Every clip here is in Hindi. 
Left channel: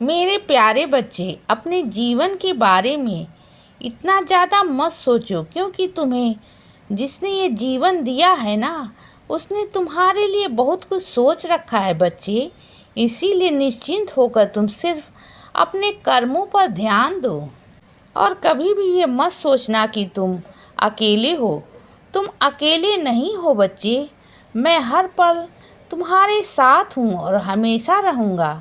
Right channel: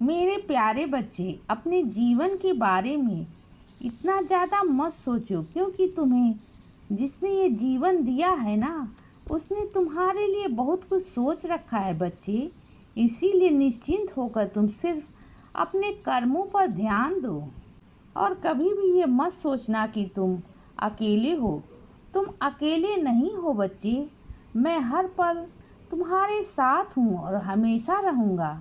मेरे प्यारे बच्चे, अपने जीवन के बारे में इतना ज़्यादा मत सोचो, क्योंकि तुम्हें जिसने ये जीवन दिया है ना, उसने तुम्हारे लिए बहुत कुछ सोच रखा है बच्चे। इसीलिए निश्चिंत होकर तुम सिर्फ अपने कर्मों पर ध्यान दो और कभी भी ये मत सोचना कि तुम अकेले हो। तुम अकेले नहीं हो बच्चे। मैं हर पल तुम्हारे साथ हूँ और हमेशा रहूँगा।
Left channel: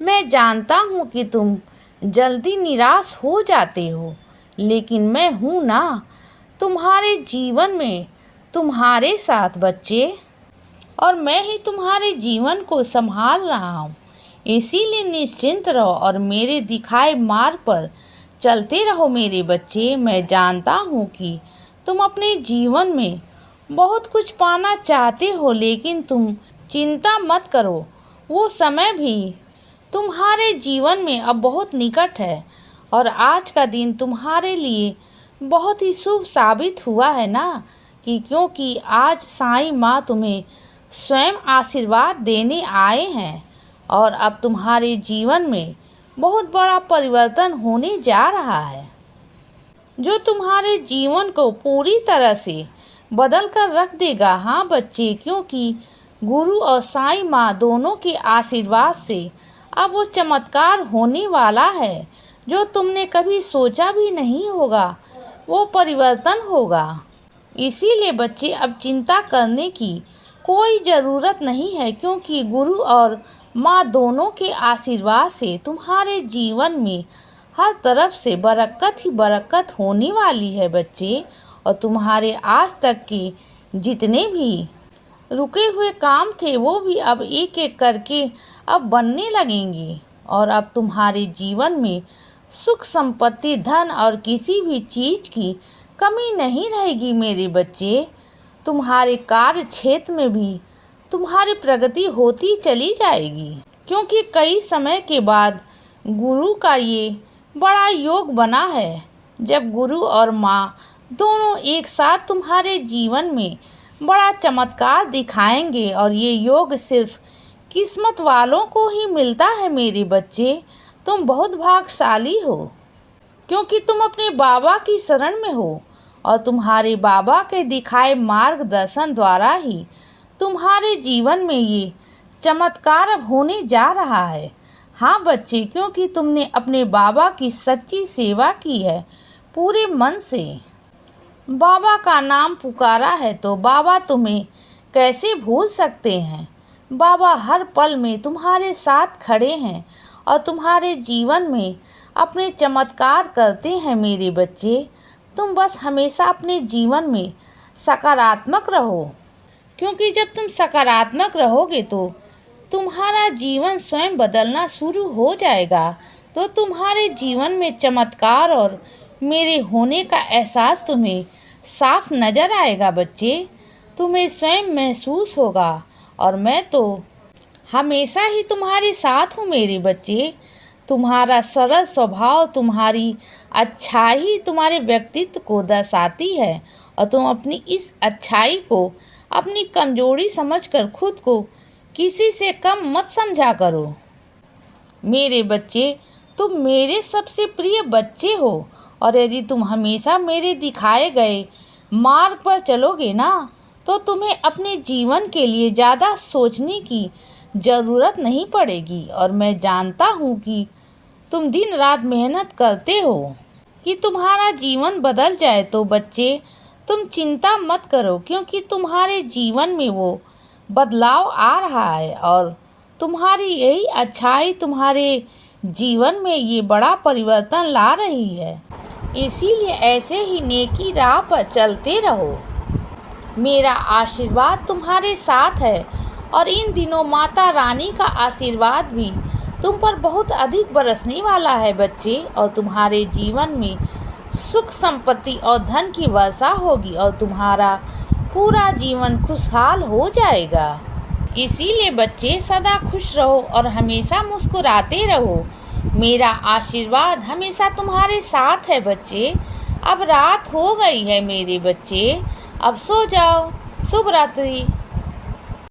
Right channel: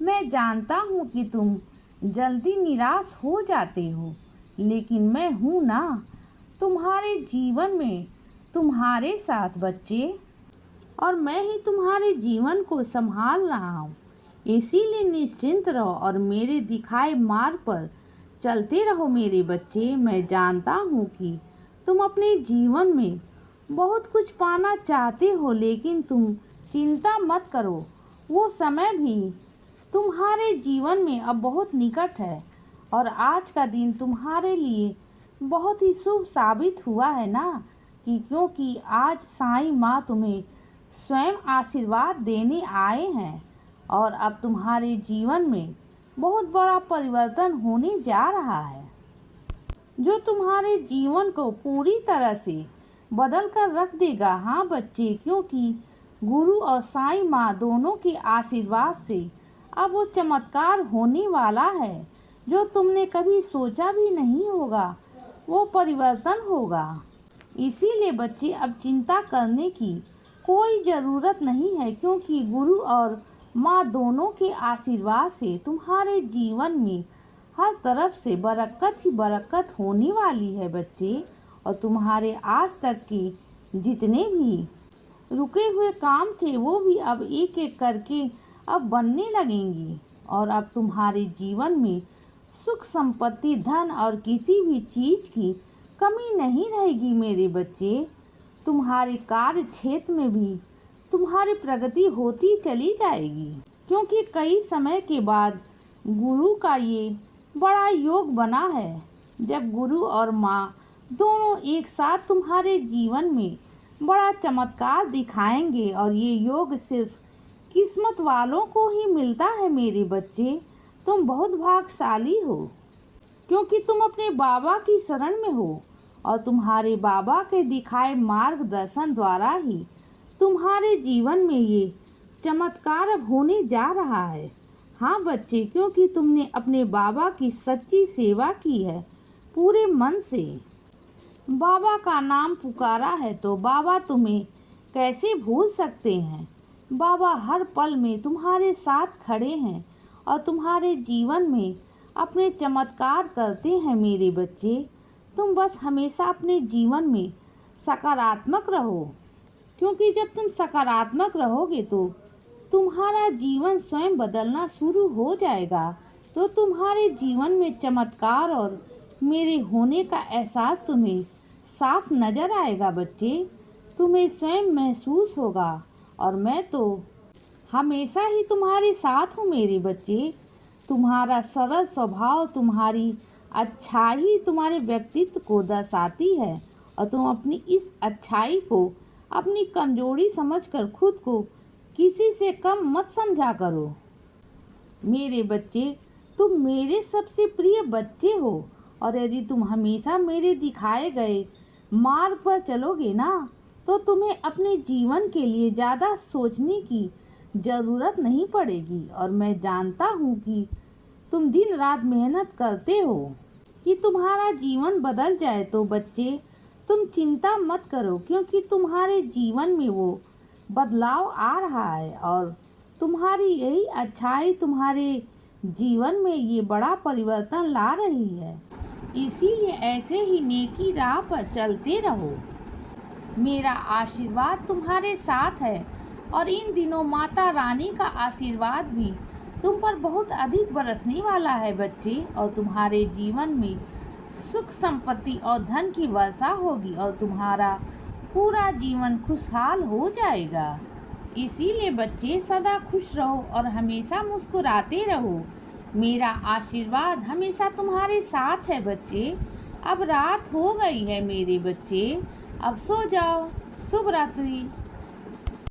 मैं जानता हूँ कि तुम जल्दी निराश हो जाते हो, लेकिन मैं हूँ ना, तुम्हारे जीवन में, तुम्हारे साथ बच्चे। और मैं ही तुम्हारे जीवन को संभाल रहा हूँ। इसीलिए निश्चिंत रहो और मेरे दिखाए मार्ग पर चलते रहो मेरे बच्चे। मैं जानता हूँ कि तुम अपने जीवन में बहुत कुछ पाना चाहते हो, लेकिन तुम चिंता मत करो। वो समय भी तुम्हारे जीवन में अब बहुत निकट है और आज का दिन तुम्हारे लिए बहुत ही शुभ साबित हुआ है ना, क्योंकि आज साईं माँ तुम्हें स्वयं आशीर्वाद देने आए हैं और अब तुम्हारे जीवन में बहुत बड़ा परिवर्तन होने जा रहा है, जो तुम्हारे जीवन को पूरी तरह से बदल कर रख देगा। हाँ बच्चे, क्योंकि गुरु और साईं माँ दोनों के आशीर्वाद से अब वो चमत्कार होने वाला है जो तुमने कभी सोचा भी नहीं होगा। वो परिवर्तन होगा। इसीलिए बच्चे, अब चिंता करने की कोई ज़रूरत नहीं है, क्योंकि गुरु और माँ दोनों के आशीर्वाद से तुम्हारे जीवन में हर तरफ से बरकत ही बरकत होने वाली है बच्चे। और तुम्हारे आज तक के जितने भी रुके हुए काम थे, वो भी अब एक एक करके अब बनने लगेंगे और अब तुम्हारे जीवन में सुख संपत्ति, धन और किसी भी चीज़ की कमी नहीं रहेगी मेरे बच्चे। तुम्हारे कार्य क्षेत्र में भी तुम्हारी प्रगति होती चली जाएगी, क्योंकि कई समय के बाद गुरु का ये बड़ा योग बना है, जब गुरु और माँ दोनों एक साथ तुम्हारे जीवन में बड़ा चमत्कार दिखाएंगे। और ये योग सिर्फ किस्मत वालों को ही मिलता है मेरे बच्चे। तुम बहुत भाग्यशाली हो, क्योंकि तुम अपने बाबा की शरण में हो और तुम्हारे बाबा के दिखाए मार्गदर्शन द्वारा ही तुम्हारे जीवन में ये चमत्कार अब होने जा रहा है। हाँ बच्चे, क्योंकि तुमने अपने बाबा की सच्ची सेवा की है, पूरे मन से बाबा का नाम पुकारा है, तो बाबा तुम्हें कैसे भूल सकते हैं। बाबा हर पल में तुम्हारे साथ खड़े हैं और तुम्हारे जीवन में अपने चमत्कार करते हैं मेरे बच्चे। तुम बस हमेशा अपने जीवन में सकारात्मक रहो, क्योंकि जब तुम सकारात्मक रहोगे तो तुम्हारा जीवन स्वयं बदलना शुरू हो जाएगा। तो तुम्हारे जीवन में चमत्कार और मेरे होने का एहसास तुम्हें साफ नज़र आएगा बच्चे। तुम्हें स्वयं महसूस होगा और मैं तो हमेशा ही तुम्हारे साथ हूँ मेरे बच्चे। तुम्हारा सरल स्वभाव, तुम्हारी अच्छाई तुम्हारे व्यक्तित्व को दर्शाती है और तुम अपनी इस अच्छाई को अपनी कमजोरी समझकर खुद को किसी से कम मत समझा करो मेरे बच्चे। तुम मेरे सबसे प्रिय बच्चे हो और यदि तुम हमेशा मेरे दिखाए गए मार्ग पर चलोगे ना, तो तुम्हें अपने जीवन के लिए ज़्यादा सोचने की ज़रूरत नहीं पड़ेगी। और मैं जानता हूँ कि तुम दिन रात मेहनत करते हो कि तुम्हारा जीवन बदल जाए। तो बच्चे, तुम चिंता मत करो, क्योंकि तुम्हारे जीवन में वो बदलाव आ रहा है और तुम्हारी यही अच्छाई तुम्हारे जीवन में ये बड़ा परिवर्तन ला रही है। इसीलिए ऐसे ही नेकी राह पर चलते रहो। मेरा आशीर्वाद तुम्हारे साथ है और इन दिनों माता रानी का आशीर्वाद भी तुम पर बहुत अधिक बरसने वाला है बच्चे। और तुम्हारे जीवन में सुख संपत्ति और धन की वर्षा होगी और तुम्हारा पूरा जीवन खुशहाल हो जाएगा। इसीलिए बच्चे, सदा खुश रहो और हमेशा मुस्कुराते रहो। मेरा आशीर्वाद हमेशा तुम्हारे साथ है बच्चे। अब रात हो गई है मेरे बच्चे, अब सो जाओ। शुभ रात्रि।